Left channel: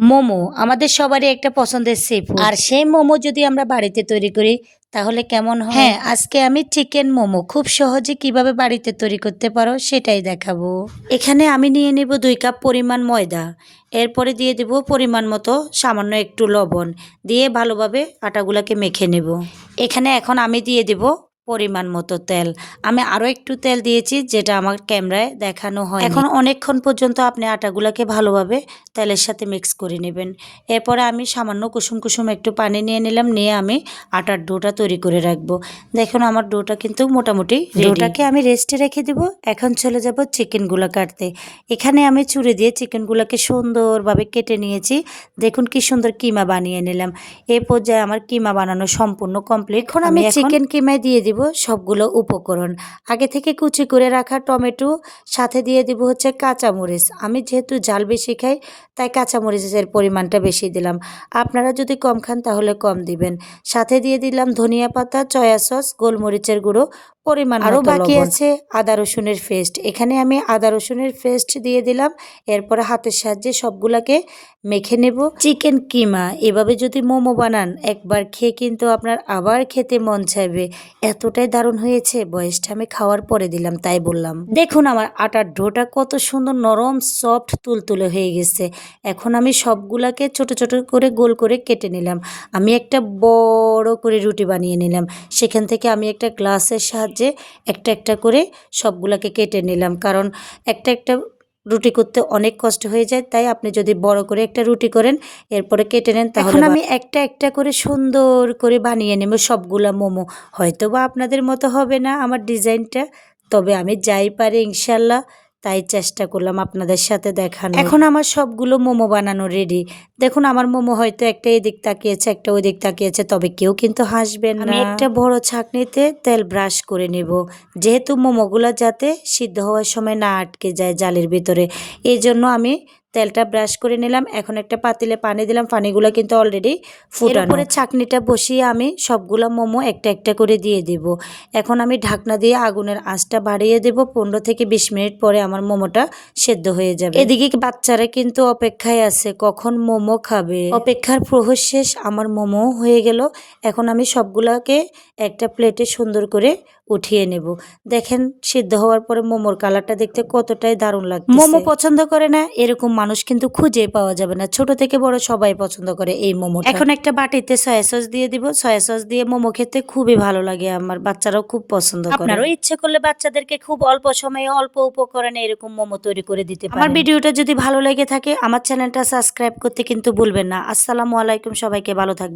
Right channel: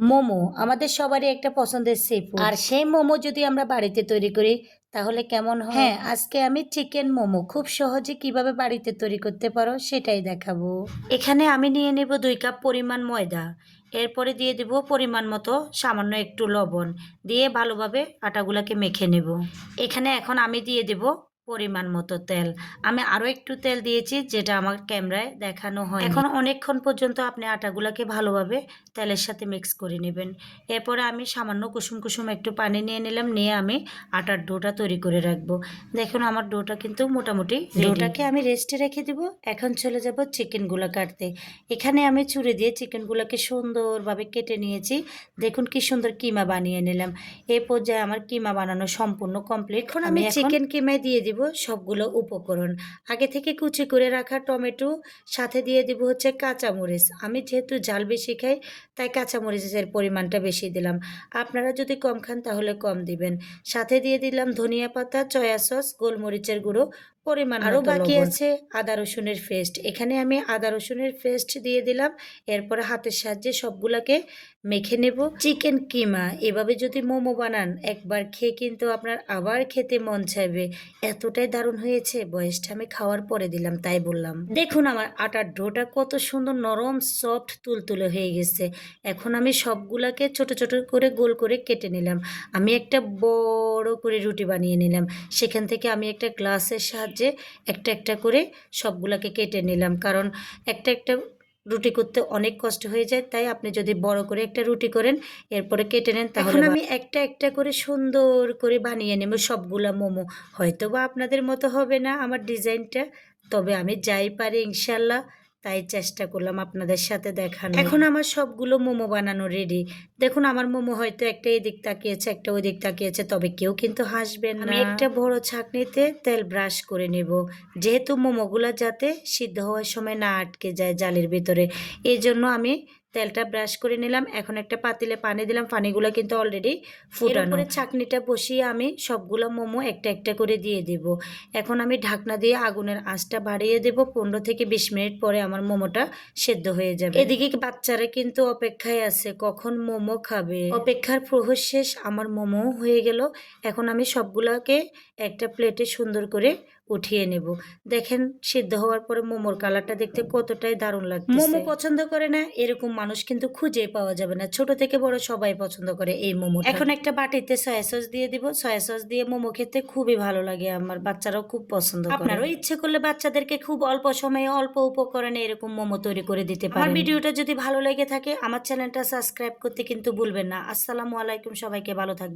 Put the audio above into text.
মোমো আমাদের সবারই একটা পছন্দের সি আর সেই মোমো যদি আমরা বাড়িতে তৈরি করি তাহলে কেমন হয়? হ্যাঁ আজকে আমি চিকেন মোমো। খুব সহজে কীভাবে বাড়িতে তৈরি করতে পারো সেটাই দেখাবো। এখানে আমি নিয়ে নেব দুই কাপ পরিমাণ ময়দা। এরপরে দিয়ে দেব পরিমাণ মতো সামান্য একটু লবণ। দিয়ে ভালোভাবে আটাগুলোকে মেখে নেব। এখানে এখন আমি দিয়ে দেব পরিমাণ মতো তেল। আমি আরও একটু তেল দিয়েছি যেটা আমার ক্যামেরায় দেখানো হয় এখন অনেকক্ষণ পর্যন্ত আপনি আটাগুলোকে ভালোভাবে তেলের সাথে মিক্স করে নেবেন। এরপরে আমি সামান্য কুসুম কুসুম একটু পানি নিয়ে নিলাম নিয়ে আমি আটার ডোটা তৈরি করে রাখব। দেখুন আমার ডোটা কিন্তু মোটামুটি ডোটাকে আমি রেস্টে রেখে দেবো। এখন চলে যাব চিকেনগুলো কাটতে। এখানে আমি চুরি দিয়ে চিকেনগুলোকে সুন্দরভাবে কেটে নিয়েছি। দেখুন কি সুন্দর কিমা বানিয়ে নিলাম। এই পর্যায়ে আমার কিমা বানানো সম্পূর্ণ কমপ্লিট এখন আমি চিকেন কিমায় দিয়ে দিব? সবগুলো উপকরণ। আগে থেকে কুচি করে রাখা টমেটো, সাথে দিয়ে দিব হচ্ছে কাঁচামরিচ। আমি যেহেতু জাল বেশি খাই, তাই কাঁচামরিচের পরিমাণটা বেশি দিলাম। আপনারা যদি কম খান তাহলে কম দিবেন। সাথে দিয়ে দিলাম ধনিয়া পাতা, চয়া সস, গোলমরিচের গুঁড়ো পরিমাণ আরও বাকি আছে আদা রসুনের পেস্ট এখানে আমি আদা রসুনের পেস্ট দিয়ে দিলাম। এরপরে হাতের সাহায্যে সবগুলাকে মেখে নেব। চিকেন কিমা এভাবে যদি মোমো বানান একবার খেয়ে কিন্তু আপনার আবার খেতে মন চাইবে। এতটাই দারুণ হয়েছে বয়সটা আমি খাওয়ার পরে দিলাম তাই বললাম। দেখুন আমার আটার ডোটা কত সুন্দর নরম সফট তুলতুলে হয়ে গেছে। এখন আমি সবগুলাকে ছোট ছোট করে গোল করে কেটে নিলাম। আমি একটা বড় করে রুটি বানিয়ে নিলাম। সেখান থেকে আমি একটা গ্লাসের সাহায্যে একটা একটা করে সবগুলোকে কেটে নিলাম। কারণ একটা একটা রুটি করতে অনেক কষ্ট হয়ে যায়। তাই আপনি যদি বড় করে একটা রুটি করেন এরপরে কেটে নেন তাহলে আমি একটা একটা করে সুন্দর করে বানিয়ে নেব সবগুলা মোমো। হয়তো বা আপনাদের মতো হবে না আমার ডিজাইনটা তবে আমি যাই পারি ইনশাল্লাহ। তাই চেষ্টা করলাম আপনাদের সাথে দেখানো এখন আমার সবগুলো মোমো বানানো রেডি দেখুন আমার মোমো হয়তো একটা এদিক তাকিয়েছে একটা ওই দিক তাকিয়েছে তবে কেউ কিন্তু হাসবেন না। আমি একটা বড় ছাঁকনিতে তেল ব্রাশ করে নেব। যেহেতু মোমোগুলো যাতে সিদ্ধ হওয়ার সময় না আটকে যায় জালের ভিতরে এই জন্য আমি তেলটা ব্রাশ করে নিলাম। এখন একটা পাতিলে পানি দিলাম। পানিগুলো কিন্তু অলরেডি ফুটানো। পরে ছাকনিটা বসিয়ে আমি সবগুলো মোমো একটা একটা করে দিয়ে দেব। এখন আমি ঢাকনা দিয়ে আগুনের আঁচটা বাড়িয়ে দেব। পনেরো থেকে বিশ মিনিট পরে আমার মোমোটা সেদ্ধ হয়ে যাবে। এদিকে বাচ্চারা কিন্তু অপেক্ষায় আছে কখন মোমো খাবে। অপেক্ষার প্রহর শেষ আমার মোমো হয়ে গেল। এখন আমি সবগুলোকে একটা প্লেটে সুন্দর করে উঠিয়ে নেব। দেখেন সিদ্ধ হওয়ার পরে মোমোর কালারটা দেখতে কতটাই দারুণ লাগে মোমো পছন্দ করে না এরকম মানুষ কিন্তু খুঁজে পাওয়া যাবে না। ছোট থেকে বড় সবাই পছন্দ করে এই মোমো এখন একটা বাটিতে সয়া সস দিয়ে দিব। সয়া সস দিয়ে মোমো খেতে খুবই ভালো লাগে আমার বাচ্চারাও খুব পছন্দ করে। আপনারও ইচ্ছে করলে বাচ্চাদেরকে খুব অল্প সময়ে অল্প উপকরণে এরকম মোমো তৈরি করে দিতে পারেন। আমার ভিডিওটা যদি ভালো লেগে থাকে আমার চ্যানেলটা সাবস্ক্রাইব করতে কিন্তু ভুলবেন না। আসসালামু আলাইকুম সবাইকে ভালো থাকবেন।